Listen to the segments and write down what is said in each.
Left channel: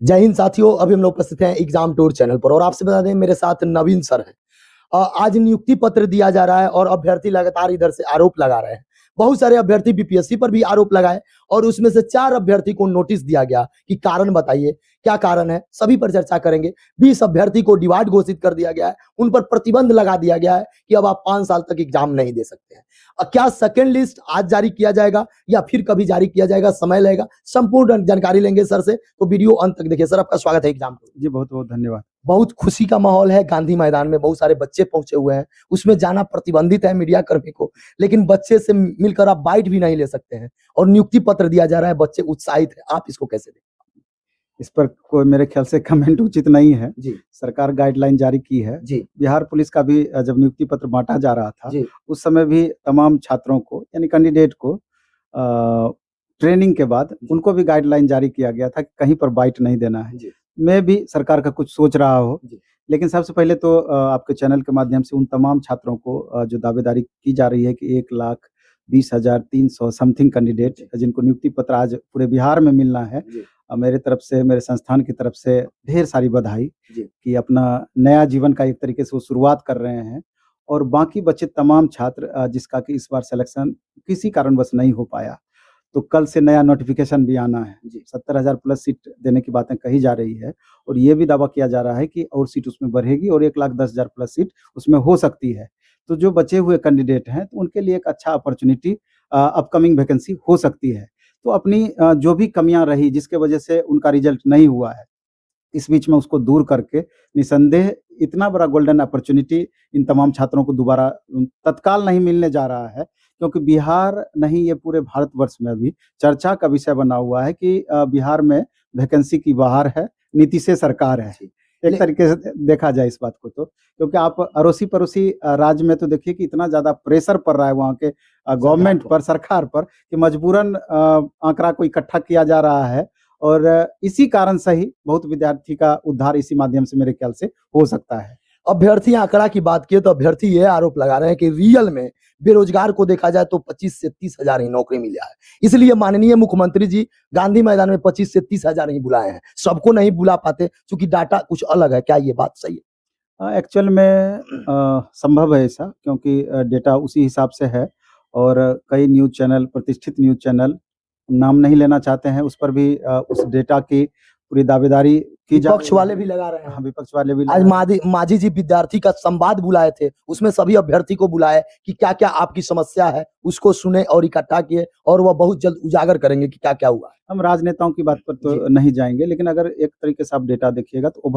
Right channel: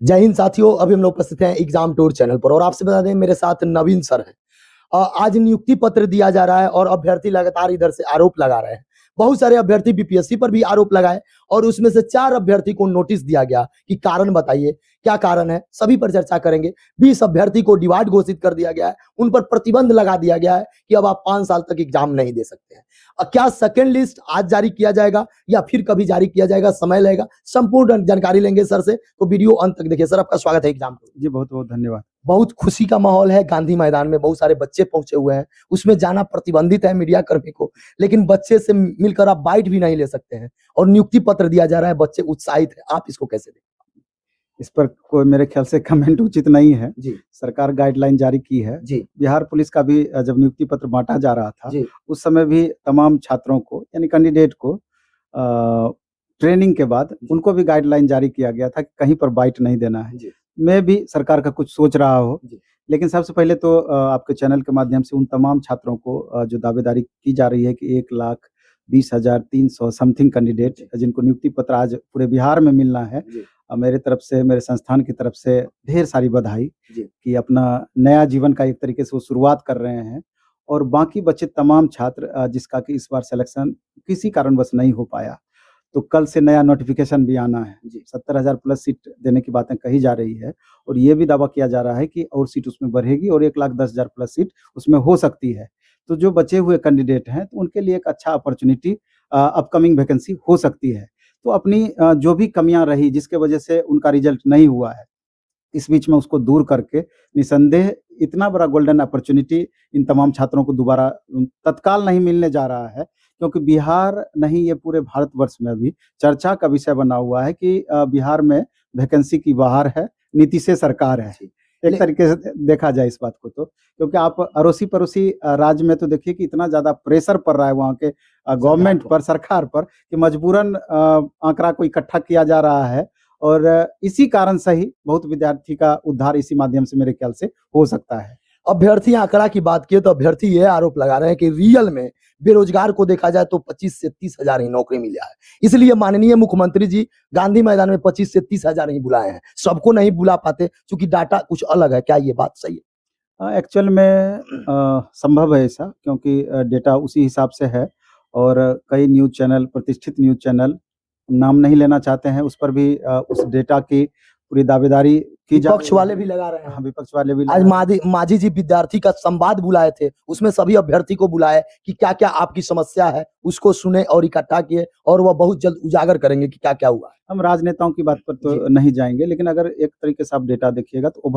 जय हिंद साथियों, अभी हम लोग उपस्थित हैं एग्जाम टूर चैनल पर और आपसे बता दें मेरे साथ नवीन सर है। आज नियुक्ति पत्र दिया जा रहा है और अभ्यर्थी लगातार इधर से आरोप लगा रहे हैं। बहुत सारे अभ्यर्थी बीपीएससी पर भी आरोप लगाए और उसमें से 4 अभ्यर्थी को नोटिस दिया गया कि कारण बताइए, क्या कारण है, सभी पर चर्चा करेंगे। 20 अभ्यर्थी को डिवाइड घोषित कर दिया गया है, उन पर प्रतिबंध लगा दिया गया है कि अब आप 5 साल तक एग्जाम नहीं दे सकते हैं। क्या सेकेंड लिस्ट आज जारी किया जाएगा या फिर कभी जारी किया जाएगा, समय लगेगा। संपूर्ण जानकारी लेंगे सर से, तो वीडियो अंत तक देखिए। सर, आपका स्वागत है एग्जाम। जी, बहुत बहुत धन्यवाद। बहुत खुशी का माहौल है, गांधी मैदान में बहुत सारे बच्चे पहुंचे हुए हैं। उसमें जाना प्रतिबंधित है मीडिया कर्मी को, लेकिन बच्चे से मिलकर आप बाइट भी नहीं ले सकते हैं और नियुक्ति पत्र दिया जा रहा है। बच्चे उत्साहित है, आप इसको कैसे देखते इस पर कोई मेरे ख्याल से कमेंट उचित नहीं है। जी सरकार गाइडलाइन जारी की है। जी बिहार पुलिस का भी जब नियुक्ति पत्र बांटा जा रहा था, जी उस समय भी तमाम छात्रों को यानी कैंडिडेट को ट्रेनिंग के बाद उनको भी गाइडलाइन जारी किया गया था कि कहीं पर बाइट नहीं देना है। जी मैं भी सरकार का कुछ सोच रहा हो, जी लेकिन सबसे पहले तो आपके चैनल के माध्यम से उन तमाम छात्रों को जो दावेदारी की जा रही है कि 1,20,300 समथिंग कैंडिडेट जिनको नियुक्ति पत्र आज पूरे बिहार में मिलना है, जी मेरे तरफ से, मेरे संस्थान की तरफ से ढेर सारी बधाई जी कि अपना नया जीवन का एक तरीके से वो शुरुआत कर रहे हैं। और बाकी बचे तमाम छात्र जिसका कि इस बार सिलेक्शन किसी कारणवश नहीं हो पाया, तो कल से नया नोटिफिकेशन भी आना है। जी 70,000 प्लस सीट देने की बातें कही जा रही है और ये भी दावा किया जा रहा है कि और सीट उसमें बढ़ेगी और 1,10,000 प्लस सीट उसमें हो सकती है। तो जो बचे हुए कैंडिडेट हैं, तो उनके लिए एक अच्छा अपॉर्च्युनिटी अपकमिंग वैकेंसी हो सकती है। तो अपनी जो भी कमियाँ रही जिसके वजह से उनका रिजल्ट नहीं हुआ है, इस बीच में उसको दूर करके निसंदेह इतना बड़ा गोल्डन अपॉर्च्युनिटी इन तमाम छात्रों को दोबारा तत्काल नहीं मिलने जा रहा है, क्योंकि बिहार नहीं, ये पूरे भारतवर्ष में भी चर्चा का विषय बना हुआ है कि बिहार में वैकेंसी की बहार है, नीतीश सरकार है। एक तरीके से देखा जाए इस बात को, तो क्योंकि आप अड़ोसी पड़ोसी राज्य में तो देखिए कि इतना ज्यादा प्रेशर पड़ रहा है वहाँ के गवर्नमेंट पर, सरकार पर, कि मजबूरन आंकड़ा को इकट्ठा किया जा रहा है और इसी कारण से ही बहुत विद्यार्थी का उद्धार इसी माध्यम से मेरे ख्याल से हो सकता है। अभ्यर्थी आंकड़ा की बात की तो अभ्यर्थी यह आरोप लगा रहे हैं कि रियल में बेरोजगार को देखा जाए तो 25 से 30 हजार ही नौकरी मिला है। इसलिए माननीय मुख्यमंत्री जी गांधी मैदान में 25 से 30 हजार ही बुलाए हैं। सबको नहीं बुला पाते क्योंकि डाटा कुछ अलग है। क्या ये बात सही है? एक्चुअल में संभव है ऐसा, क्योंकि डेटा उसी हिसाब से है और कई न्यूज़ चैनल, प्रतिष्ठित न्यूज़ चैनल, नाम नहीं लेना चाहते हैं, उस पर भी उस डेटा की पूरी दावेदारी की जा रही विपक्ष है। वाले भी लगा रहे हाँ, हैं। विपक्ष वाले भी आज लगा रहे हैं। माजी जी विद्यार्थी का संवाद बुलाए थे, उसमें सभी अभ्यर्थी को बुलाए कि क्या क्या आपकी समस्या है, उसको सुने और इकट्ठा किए और वह बहुत जल्द उजागर करेंगे कि क्या क्या हुआ है। हम राजनेताओं की बात पर तो जी। नहीं जाएंगे, लेकिन अगर एक तरीके से आप डेटा देखिएगा तो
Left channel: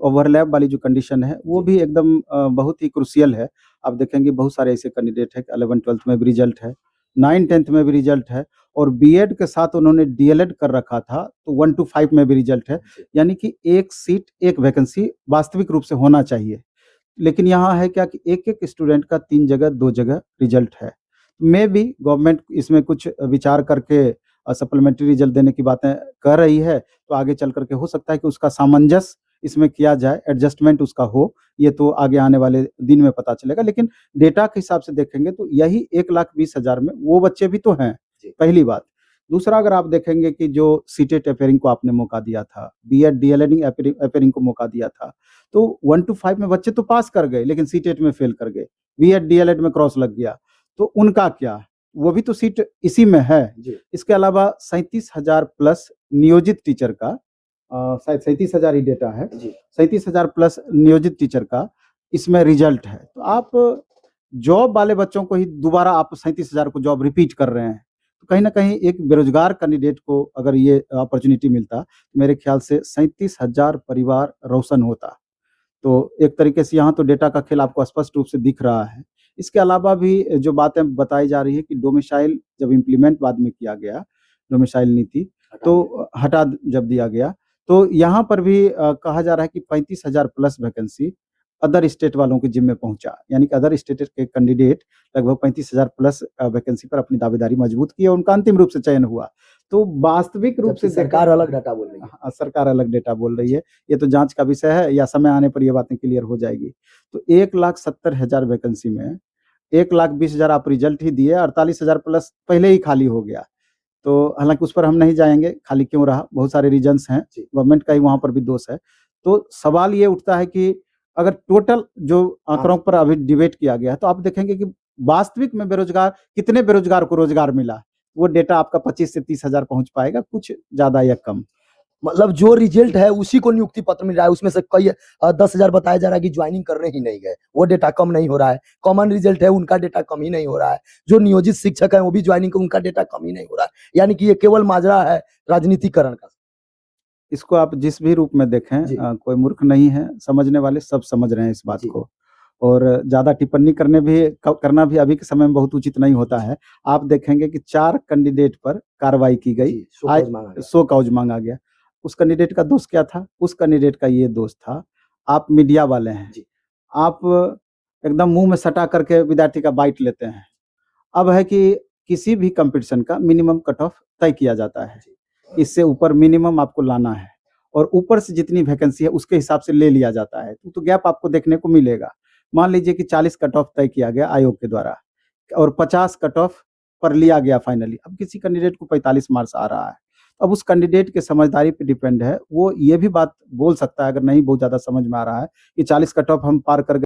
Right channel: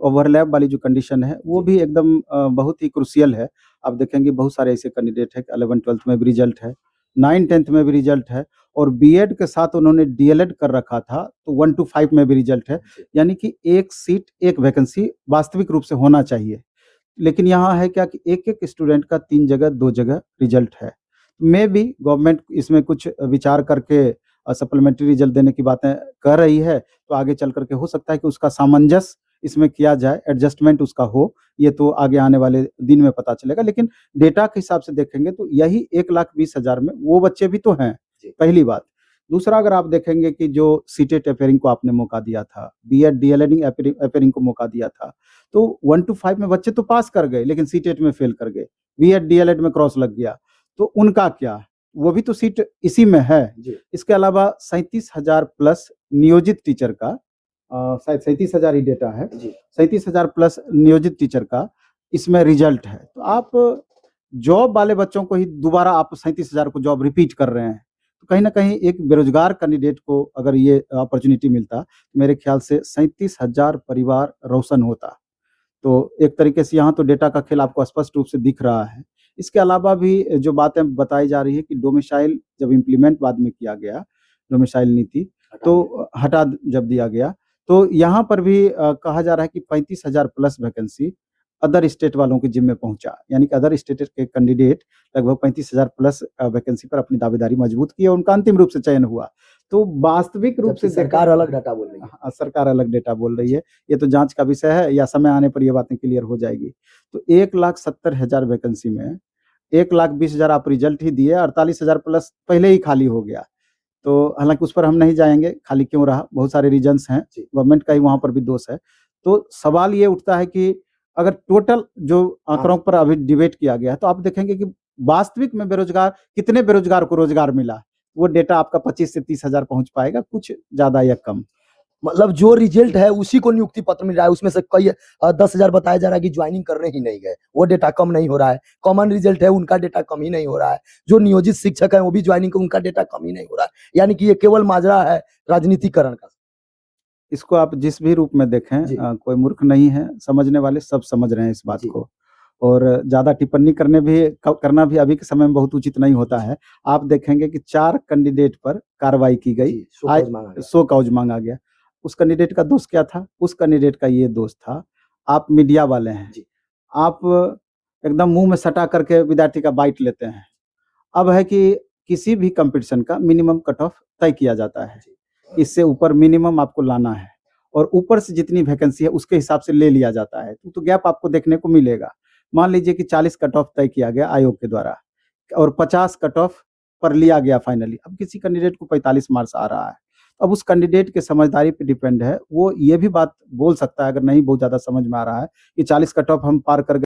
ओवरलैप वाली जो कंडीशन है वो भी एकदम बहुत ही क्रुशियल है। आप देखेंगे बहुत सारे ऐसे कैंडिडेट है कि 11th-12th में भी रिजल्ट है, 9th-10th में भी रिजल्ट है और बीएड के साथ उन्होंने डीएलएड कर रखा था, तो 1 to 5 में भी रिजल्ट है। यानी कि एक सीट, एक वैकेंसी वास्तविक रूप से होना चाहिए। लेकिन यहाँ है क्या कि एक-एक स्टूडेंट का 3 जगह 2 जगह रिजल्ट है। मे बी गवर्नमेंट इसमें कुछ विचार करके सप्लीमेंट्री रिजल्ट देने की बातें कर रही है, तो आगे चल कर के हो सकता है कि उसका सामंजस्य इसमें किया जाए, एडजस्टमेंट उसका हो, ये तो आगे आने वाले दिन में पता चलेगा। लेकिन डेटा के हिसाब से देखेंगे तो यही 1,20,000 में वो बच्चे भी तो हैं, पहली बात। दूसरा, अगर आप देखेंगे कि जो सीटेट अपेयरिंग को आपने मौका दिया था, बीएड डीएलएड अपेयरिंग को मौका दिया था, तो 1 to 5 में बच्चे तो पास कर गए, लेकिन सीटेट में फेल कर गए, बीएड डीएलएड में क्रॉस लग गया, तो उनका क्या है? वो भी तो सीट इसी में है। इसके अलावा 37,000 प्लस नियोजित टीचर का, शायद 37,000 ही डेटा है, 37,000 प्लस नियोजित टीचर का इसमें रिजल्ट है। तो आप जॉब वाले बच्चों को ही दोबारा आप 37,000 को जॉब रिपीट कर रहे हैं, तो कहीं ना कहीं एक बेरोजगार कैंडिडेट को अगर ये अपॉर्चुनिटी मिलता, तो मेरे ख्याल से 37,000 परिवार रोशन होता। तो एक तरीके से यहाँ तो डेटा का खेल आपको स्पष्ट रूप से दिख रहा है। इसके अलावा भी जो बातें बताई जा रही है कि डोमिसाइल जब इम्प्लीमेंट बाद में किया गया, डोमिसाइल नीति तो हटा जब दिया गया, तो यहाँ पर भी कहा जा रहा है कि 35,000 प्लस वैकेंसी अदर स्टेट वालों के जिम्मे पहुंचा, यानी कि अदर स्टेट के कैंडिडेट लगभग 35,000 प्लस वैकेंसी पर अपनी दावेदारी मजबूत की और उनका अंतिम रूप से चयन हुआ। तो वास्तविक रूप से सरकार अलग डाटा बोल रही है। हाँ, सरकार अलग डेटा बोल रही है। ये तो जांच का विषय है, या समय आने पर ये बातें क्लियर हो जाएगी। तो 1,70,000 वैकेंसी में 1,20,000 आप रिजल्ट ही दिए, 48,000 प्लस पहले ही खाली हो गया। तो हालाँकि उस पर हम नहीं जाएँगे, खाली क्यों रहा, बहुत सारे रीज़न्स हैं, जी। गवर्नमेंट का ही वहाँ पर भी दोष है। तो सवाल ये उठता है कि अगर टोटल जो आंकड़ों पर अभी डिबेट किया गया है, तो आप देखेंगे कि वास्तविक में बेरोज़गार कितने बेरोज़गार को रोज़गार मिला? वो डेटा आपका 25 से 30 हज़ार पहुँच पाएगा, कुछ ज़्यादा या कम। मतलब जो रिजल्ट है उसी को नियुक्ति पत्र मिल रहा है, उसमें से कई 10,000 बताया जा रहा है कि ज्वाइनिंग करने ही नहीं गए, वो डेटा कम नहीं हो रहा है। कॉमन रिजल्ट है, उनका डेटा कम ही नहीं हो रहा है। जो नियोजित शिक्षक है वो भी ज्वाइनिंग को उनका डेटा कम ही नहीं हो रहा है। यानी कि ये केवल माजरा है राजनीतिकरण का। इसको आप जिस भी रूप में देखें जी। कोई मूर्ख नहीं है, समझने वाले सब समझ रहे हैं इस बात जी। को। और ज़्यादा टिप्पणी करना भी अभी के समय में बहुत उचित नहीं होता है। आप देखेंगे कि 4 कैंडिडेट पर कार्रवाई की गई, जी, शो आज कॉज मांगा गया। शो कॉज माँगा गया। उस कैंडिडेट का दोष क्या था? उस कैंडिडेट का ये दोष था, आप मीडिया वाले हैं, जी। आप एकदम मुँह में सटा करके विद्यार्थी का बाइट लेते हैं। अब है कि किसी भी कॉम्पिटिशन का मिनिमम कट ऑफ तय किया जाता है। इससे ऊपर मिनिमम आपको लाना है और ऊपर से जितनी वैकेंसी है उसके हिसाब से ले लिया जाता है। तो गैप आपको देखने को मिलेगा। मान लीजिए कि 40 कट ऑफ तय किया गया आयोग के द्वारा और 50 कट ऑफ पर लिया गया फाइनली। अब किसी कैंडिडेट को 45 मार्क्स आ रहा है। अब उस कैंडिडेट के समझदारी पे डिपेंड है। वो ये भी बात बोल सकता है अगर नहीं बहुत ज़्यादा समझ में आ रहा है कि 40 कट ऑफ हम पार कर गए।